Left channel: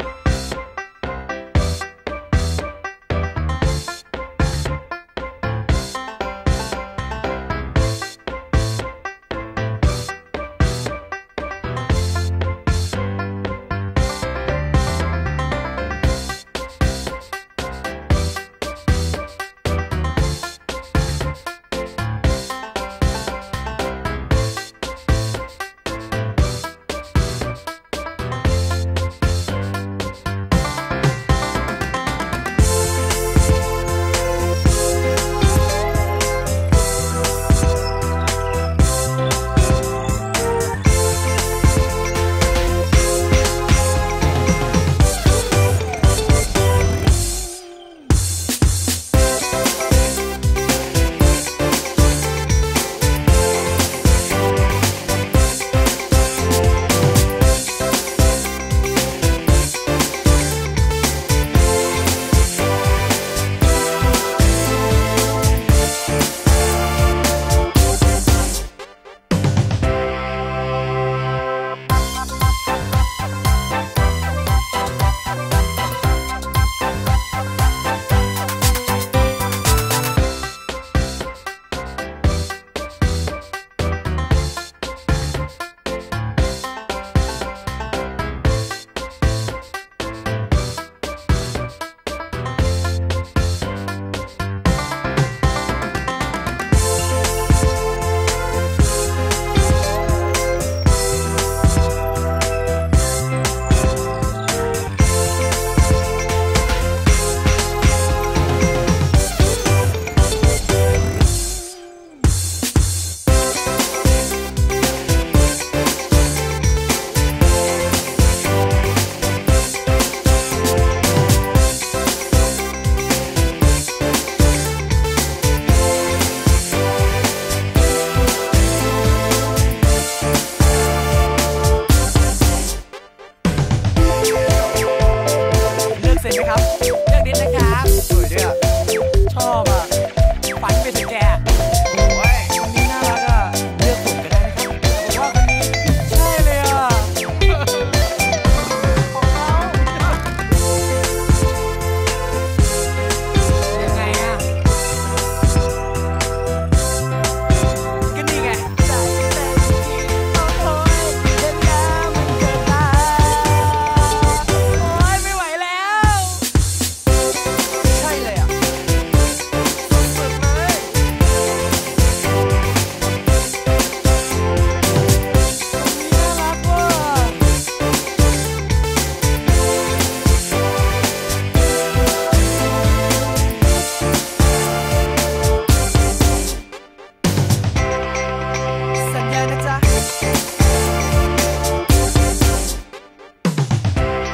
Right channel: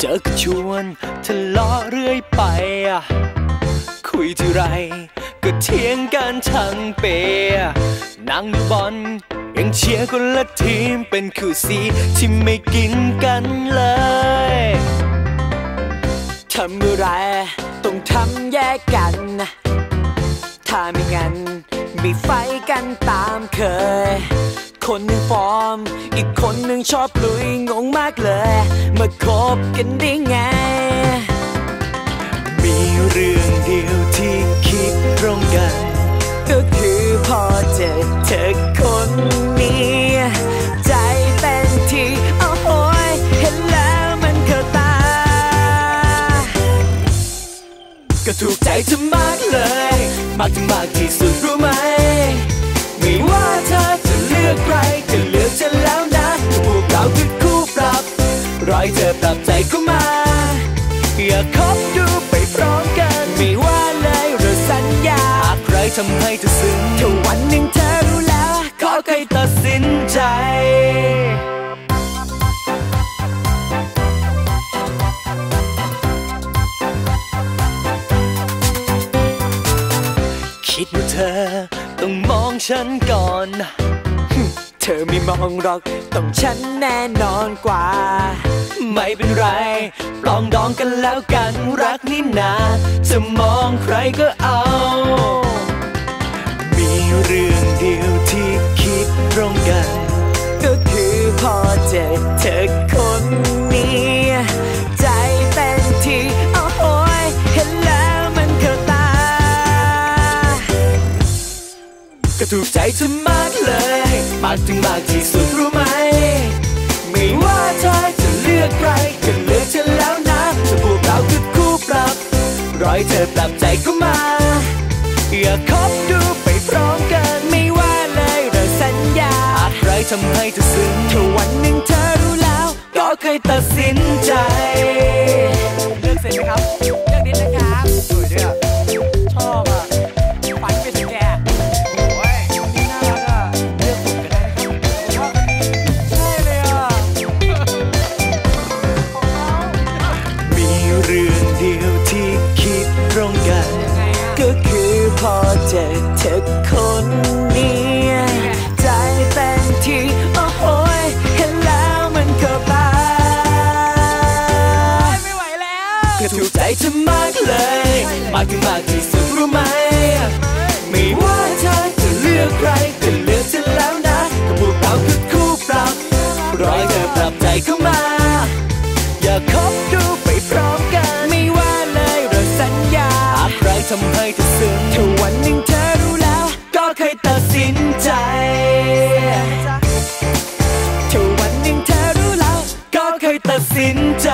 เจอก็ชวนทะเลาะเรื่อยไป คุยทีไร ก็เถียงกันทั้งเปยนั่งดูบอลยังเชียร์คนละทีมเป็นคู่สีที่ไม่กินกันเลยทำอะไรต้องทำแยกกันนะถ้าไม่งั้นมีไฟกันตามเคย คนหนึ่งฟอร์ม อีกคนหนึ่งชอบลุยงงมากเลย มาคบกันได้ไง มีเรื่องเดียวที่คิดตรงกัน ก็คือพอเจอเธอคนนี้ ใจเป็นที่โอ้โหยเห็นแล้วมันเข้าตา ก็ถูกใจเธอมากเลย มากถึงมากที่สุด ใจคิดว่าเธอต้องมองฉันก่อน เธอไม่มองหรอกต้องฉันแน่นอนกว่า ไม่เป็นไรปลองดองกันแล้วกันรักนี่นาจะมองใครก็ ก็ถูกใจเธอมากเลยมากถึงมากที่สุดรู้ไหม ไม่ว่าเธอจะเลือกใครก็เลือกฉันแล้วนะถ้าพวกเราคือคู่ปรับรอยเธอกลับใจเข้ามาอยากคบดูไปพร้อมกันไม่ว่าเลยเราสัญญาใครทำให้เธอซึ้งถ้าวันหนึ่งเธอรู้แล้ว ก็เคยตัดสินใจ ก็ถูกใจฉันมากเลย มากถึงมากที่สุดรู้ไหม ไม่ว่าเธอจะเลือกใครก็เลือกเธอแล้วนะก็พวกเราคือคู่ปรับ รอให้เธอปรับใจเข้ามา อย่าคบดูไปพร้อมกัน ไม่ว่าเราสัญญาอาจรทำให้เธอซึ้งถ้าวันหนึ่งเธอรู้แล้ว ก็เคยตัดสินใจถ้าวันหนึ่งเธอรู้แล้ว ก็เคยตัดสินใจ